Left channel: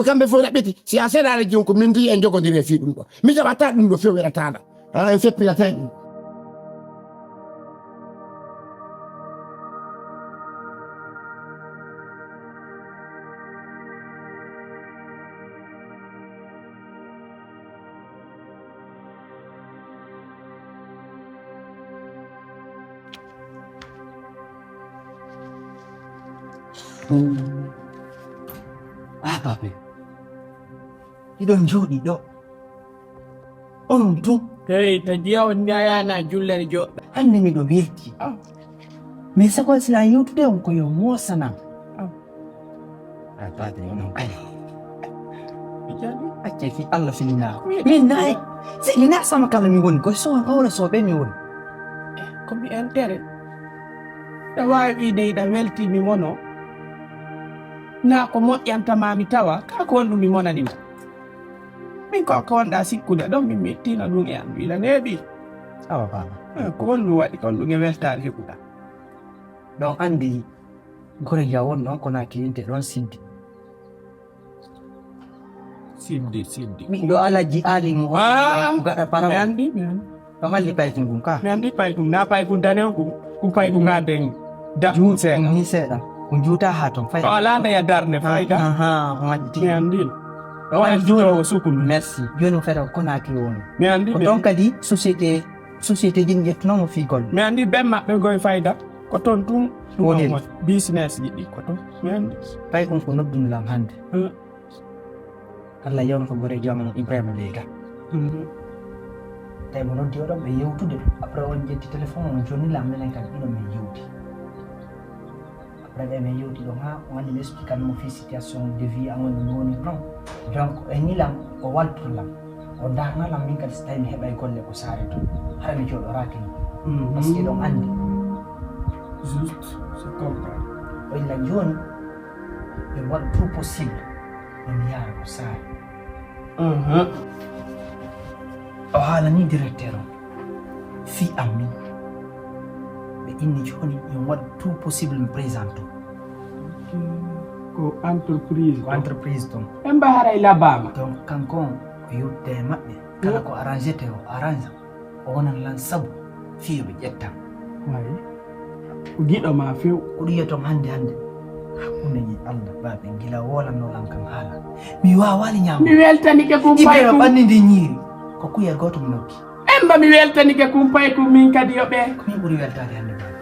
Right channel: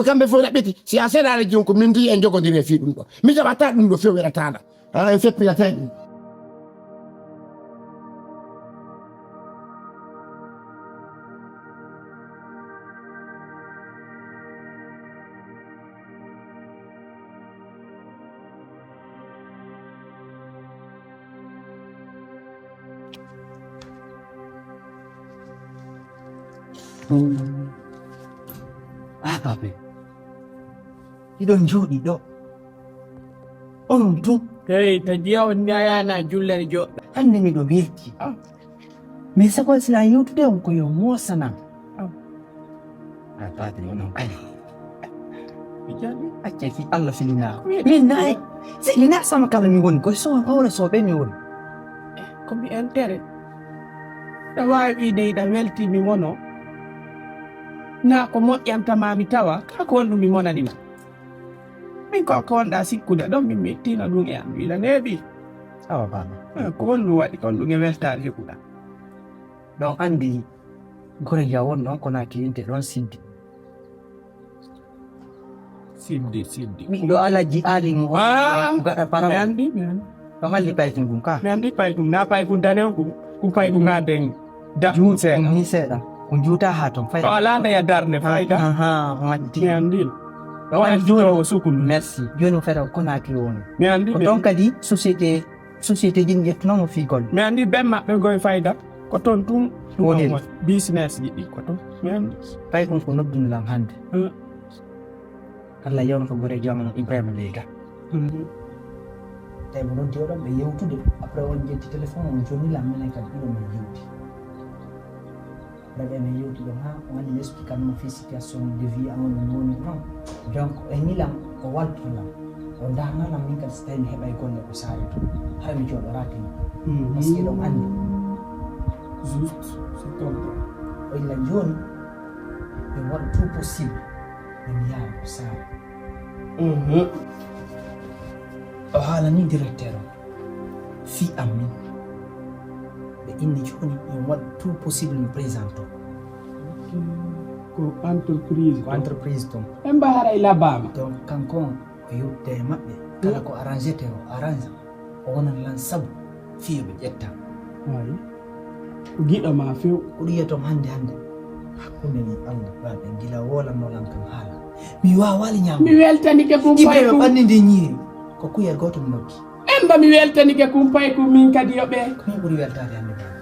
ko kamɓe fof raɓɓiti si a seeɗaɗe joni ko min ndi en jogodiri e fi ɗum ɗo mi jaɓata ɗum ɗo few weɗataɗa en feppirata ɗum Babe, iɗon jooɗi ɗo onon tun Hey, ta jiyawan yana jullere joɗɗo. hande miɗo welti mais sakol sila yewtude on ko yo mosanam babe onon kadi accaki Allah filinaako min nayi silina sama kala mi woni koye sowa hawra soɓe mi woni Ko mi entere. Ta wawi wiide iɗa weltimi mono. Na ko moƴƴantama mi tawa ka ko wonɗum mi monanima. Min ko wonɗa sikkude ɗon min mettino ɗum e am wiila neeɓi. awa baba Ko wonɗum waɗi kon ɗum e weltare heɓuɗa. ɗon andi gore ja won ɗon ko naki yinte ɗon siddi Siddi. miɗo alaji ali mo gaɗa Mi para andi. ɗon alli paytin gum ka Mi andi pay ɗum na pay ɗum danew ɗum pay ɗum ha den da seeɗa. ni seeɗa ko juuta ha ton fay O ala ndeya darde fayda. waddi Mi andi. O waɗa juurowo sukulu. merci joni o feta ko naki woni Mi andi. ko ɗon kadi société jin ƴettunomo figol Mi andi ɓen maɓɓe goye fayda. Ko toon ɗum Woni. business yiɗi ko toon. Mi andi. pay ɗum ko noddunolam hande Allah yewno ko gore jamano Ibrahima Lega tawi mo noddi oɗon ɓe yewtude après on ƴetti téléphone on jonnilam minen kadi ɗiɗon min yewti après ɓe min yewti ɗon ha o andi mi expliquanmo fi situation de vie amon mi woni non donc e nilam o waltotolam o darnalam min kadi so tawi mi heɓay golle ko saare to hara mi jooɗoraki ni par ce que ɗon andi Juste. C'est comprendre. o illa joni ɓe waɗa tout possible ɓe mi yaara ko saare o haalani directeur o fi am min ɓe inni joni min waɗa tout possible mi présente Ko entreprise. ko entreprise ton Ɓen mba haray labama. donc kanko on o yewtide e maɓɓe kala ko arrangete o arrange o wonan lan saabu fiyo ɓe ƴettan Wayi. Ko giɗo ma few. ko ɗum yiyatom hande hakkunde ñi Allah baɓe gila wolannolam kam haala mi wawali ñamu Mi weltanike kumpay iɓeɗo kum. ɓanni ndi ñiiri ko kuyel goto mi nokki En mba mi weltanike kumpay kum min kadi yo ɓe. ko min ɓuuri weltade hande baɓe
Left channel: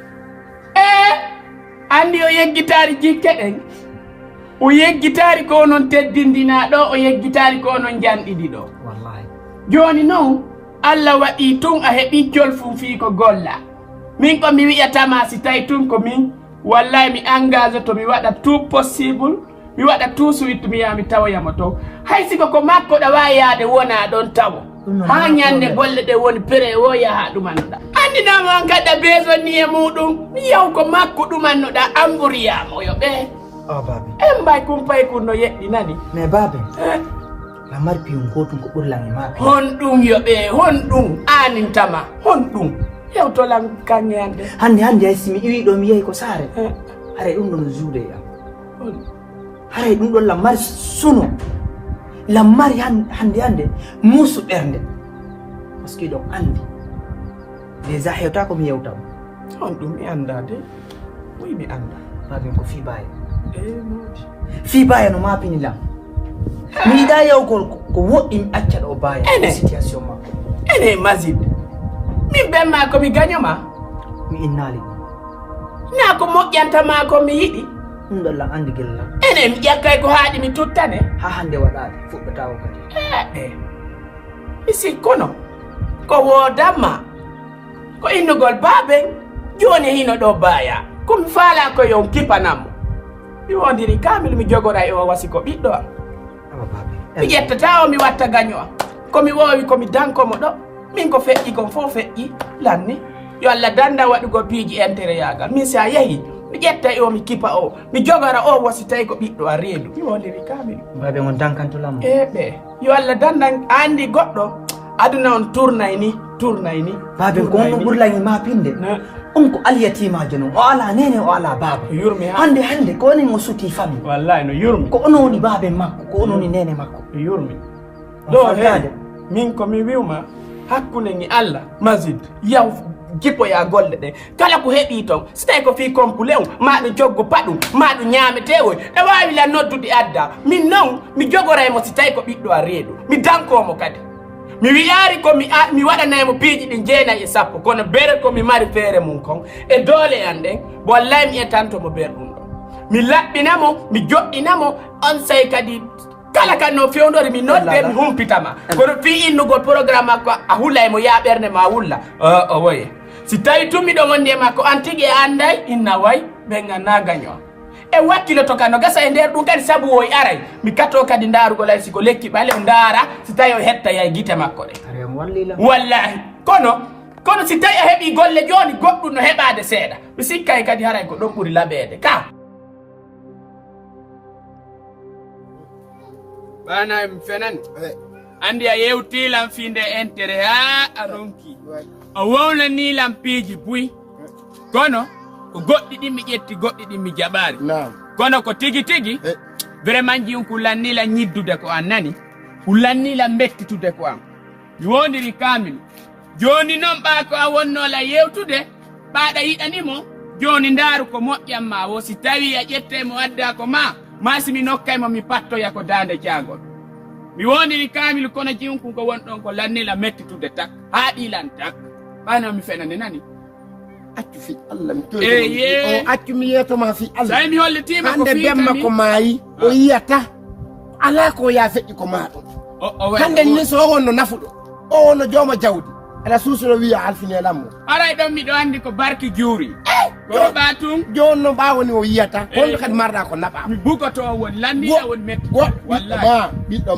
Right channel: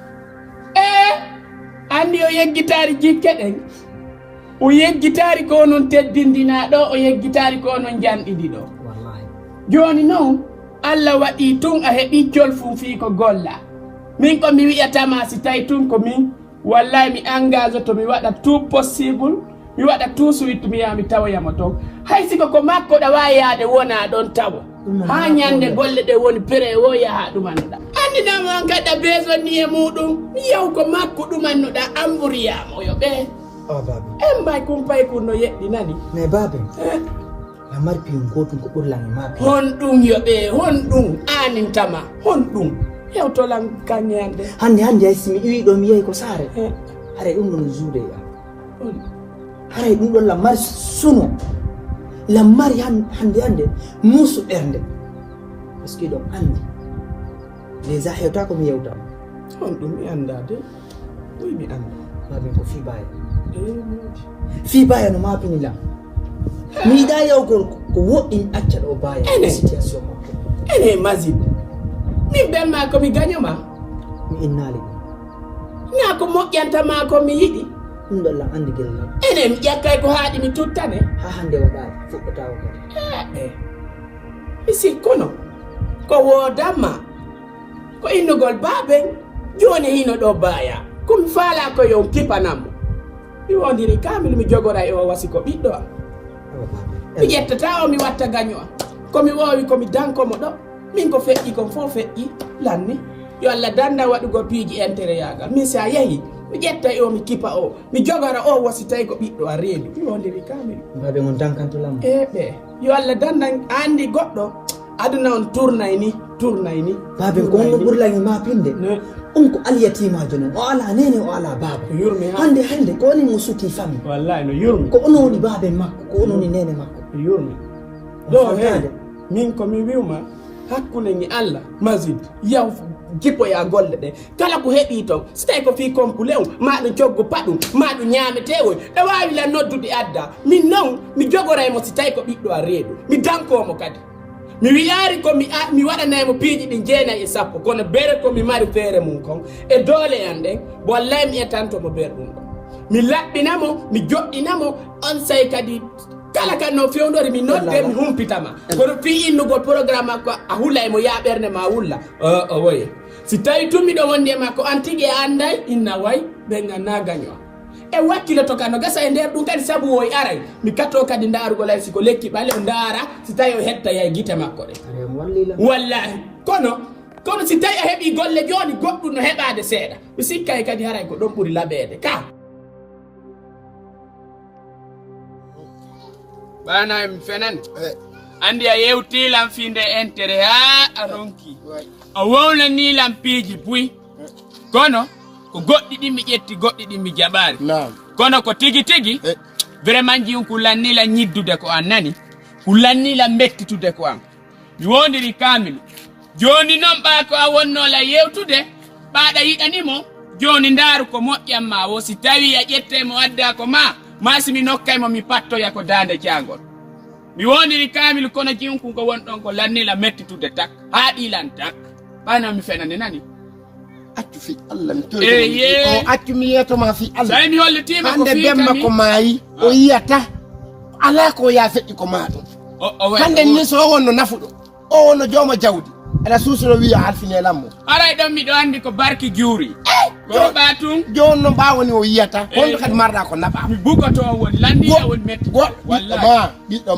Andi o yeggitari jikke ɗen. O yeggitari ko onon teddindina ɗo, o yeggitari ko onon janɗiɗi ɗo. wallahi Joni noon Allah waɗi tun a heɓi jolfum fii ko golla. Min ko mi wi'atama si tawi tun ko min wallahi mi engage to mi waɗa tout possible mi waɗa tout suite mi yaha mi tawoyamo toon hay siko ko makko ɗa wawi yaade wona ɗon tawo ha ñande bolle ɗe woni pré o yaha ɗumannoɗa andinama on gaɗa besoin ni e muɗum mi yaw ko makko ɗumannoɗa an ɓuriyamo yo ɓe o baɓe en mbay kumpay kun no yeɗɗi nani mais baɓe la mari piyum gotum ko ɓurlan e ma hon ɗum yo ɓe hon ɗum anintama hon ɗum yewtolan kaŋŋeande hande hay simi iwi ɗo mi yehi ko saare haray ɗum ɗon juude e am haray ɗum ɗon lammari suno lammari hande muusu ɓernde par ce que ɗon andi déjà hewta ko mi yewtama hon ɗum mi anda de wi mi anda baɓen ko fi baya modi fi baya no mapinilam mi yiɗa yew ko woɗɗi mi acca ɗo baya Ene. situation makko ene maside min ɓenma komi gañoma mi innali ɗum na ko moƴƴantama ko mi yiɗi ɗum ɗon lam andi gellam ene mi ƴakkay ko haaɗi mi tuttane ha hande waɗaɗo fuɗɗotako kadi mi sikkuno ko wodanma ko innugol baaben joni hino ɗo baya komi faala ko yon kipanammo mi wondiri kamil mi jogora e o wasi ko ɓiɗɗo am awa baɓe mi ƴettata o mi watta gaño am komi wowi komi dankomo ɗo min ko feƴƴi kon fof feƴƴi lanni yo Allah danda waɗugo piiji intérêt yagal min sa yeehi mi ƴetta e o mi kipa o mi jogora o wasi tawi ko ɓiɗɗo a reedu mi wondiri kamil baɓe on dankantolammo ɓe yo Allah danda andi goɗɗo aduna on tournay ni babe ko on burlangi ma pinde on ko aliyatima jono o ala nene o ala baba yurmi hande ko ni mo suti fami wallahi no yurmi ko ononi babe makko ko ononi nene makko yurmi do he min ko mi wiwma hakkunde ngi Allah mazid yaw jippo ya golle de kala ko heɓi ton so tawi ko fi kompulew maɗo joggo paɗum maɗo ñaametewoy e wawi la noddude adda min noon mi jogoraymo si tawi ko ɓiɗɗo a reedu mi dankomo kadi mi wiyaari ko mi waɗanaymo piiji ɗi 9 e 10 kono bere ko mi mari feere mum kon e doole an ɗen wallahi mi etantomo ber ɗum ɗon mi laɓɓinamo mi joɗɗinamo on say kadi kala kan no fewndori mi nodde mi humpitama kono fi innugol programme makko a hulla e mo ya ɓernde ma wulla o woye si tawi tummiɗo wonde makko an tigi e anday inna way ɓe ganna gaño e wakkilo to kan no gasa e nder ɗum kadi sabu o aray mi katto kadi ndaarugol ay siko lekki ɓale o ndaara si tawi o hetta yay guite makko ɗe wallahi kono si tawi a heeɓi golle joni goɗɗum no heɓade seeɗa mi sikkay kadi haray ko ɗon ɓuuri laɓede ka bana mi fenan andi a yewtilam finde intérêt ha a ronki a wownanilam piiji buy kono ko goɗɗi ɗi mi ƴetti goɗɗi ɗi mi jaɓaari kono ko tigi vraiment jiyum ko lannila ñiddude ko an nani ko lannila mettitude ko an mi wondiri kamilu joni noon ɓa ko a wonnola yewtude ɓaɗa yiɗanimo joni ndaaru ko moƴƴam ma wo si tawi a ƴettemo adda ko ma si mi nokkaymo mi pattoya ko dande jangol mi wondiri kamilu kono jiyum ko wonɗon ko lannila mettitude tak ha ɗilan tak ɓayno mi fenande nani accu fi Allah mi toyi o accu mi yetoma fi Allah sai mi hollitima ko hande bemma ko maayi o yiyata ala ko ya feƴƴi ko maɗum hande ni so wonno nafuɗo o wonno jooma jawdi aɗa suusino wiya halfinelammo aray ɗon miɗo andi ko barki juuri ko ɓatum joni no mbawoni o yiyata holno kadi marɗa ko naɓa mi bugoto o woni landira woni metti ɓiɗɗo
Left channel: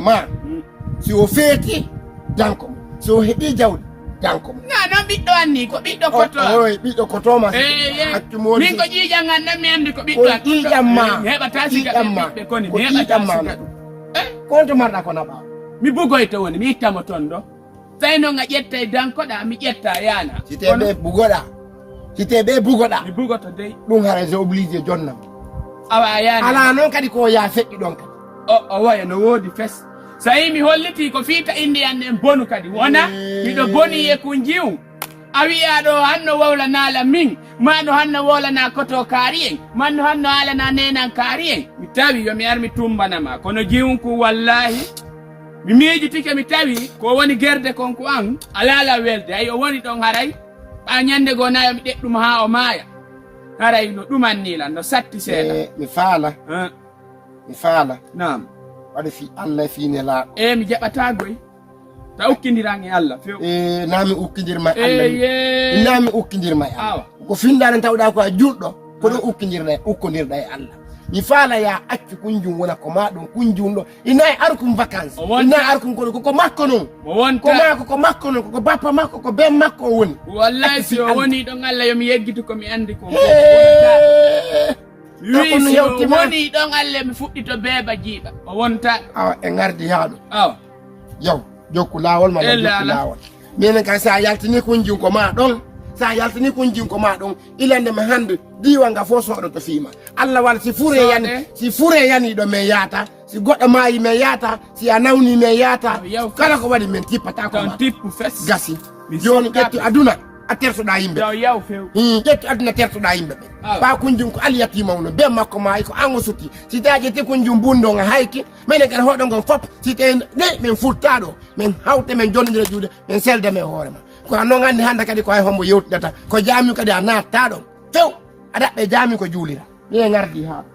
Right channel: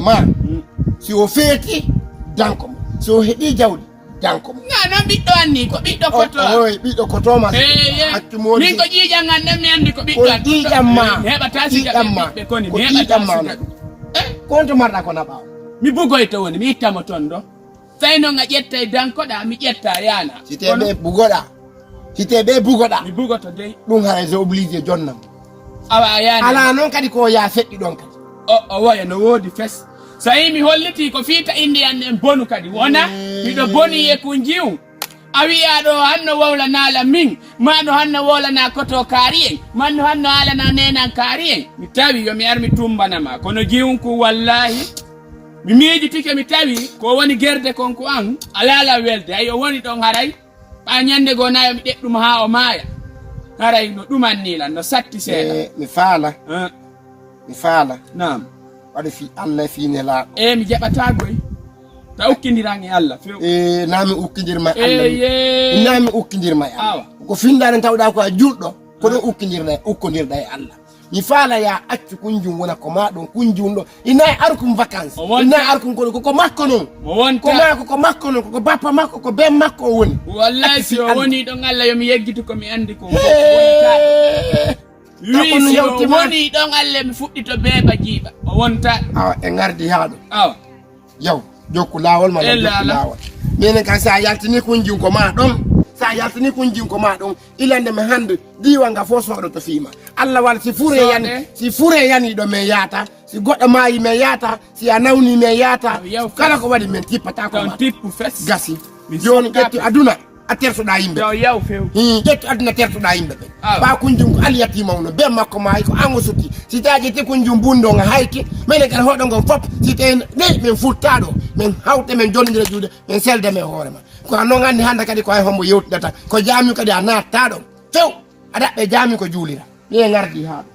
ma si o feeti danko mo so o heeɓi jawdi danko mo non ɓiɗɗo anni ko ɓiɗɗo koto ɓiɗɗo kotoma accu modi min ko ƴiƴam an ɗam mi andi ko ɓiɗɗo an ƴiƴamma heɓata sigaɓe koni mi heɓata siga ɗum konto marɗa ko naɓa mi bugoyto woni mi ittamo toon ɗo tawi noon a ƴetta e dankoɗa mi ƴetta yana siteɓe bugoɗa mi bugoto dey ɗum haray so obligé jonnam awa yana ala noon kadi ko ya feƴƴi ɗon kadi o waya no woodi fes so yi mi holliti ko fiita indi an en bonu kadi wona miɗo boni e ko jiw a wiya ɗo hanno wawlanala min maɗo hanno wowlana koto kaari en manno hanno haalana nenan kaari en mi tawi yomi ar mi tumbanama kono jiwunku wallahi mi miijitike mi tawi ko woni gerde konko an alala welde ay o woni ɗon haray ɓa ñande goo nayo mi ɗeɗɗum ha o maaya haray no ɗumannilan no satti seeɗa mi faala nam waɗa fi Allah fiine laaɗo mi jaɓata goy ta ukkidiran e Allah few nami ukkidirma Allah nami ukkidirma e Allah ko findade tawɗa ko a julɗo ko ɗum ukkodirɗa e Allah mi faala ya accu kunjum wona ko ma ɗon kunjum ɗo ina e arkum vacance ina e arkum kono koko makko noon ko makko noon koko bappa makko ko ben makko o woni wallahi si o woni ɗon Allah yomi yeggito komi andi ko woni ɗon Allah mi fuɗɗito beeba jiiɓa o wonta awa e gardi haɗo awa yaw jokku lawol ma jokku lawol minen kan sa yaltini kunjum ko ma ɗon sa yaltini kunjum ko ma ɗon ilande mi hande diwa nga fo soɗo to fiima Allah wala si fure yani ɗo min yaata si goɗɗo maayi min yaata si a nawni min yaata kala ko waɗi min tippata ko ma gasi joni ƴetti aduna a tertoɗa yimɓe ƴettu aduna tertoɗa yimɓe ɓe ɓa kunjum ko aliyatima uno be makko maayi ko an o sutti si tawi ƴetti kunjum bunɗo nga hayki minen kadi hoɗo ngon fof si tawi nde min futtaɗo min hawte min jonnodira juuɗe min selde men hoorema ko noon andi hande kadi ko hay hombo yewtidata ko jami kadi a natta ɗon few a daɓɓe jami ko juulira ni e gardi haɗo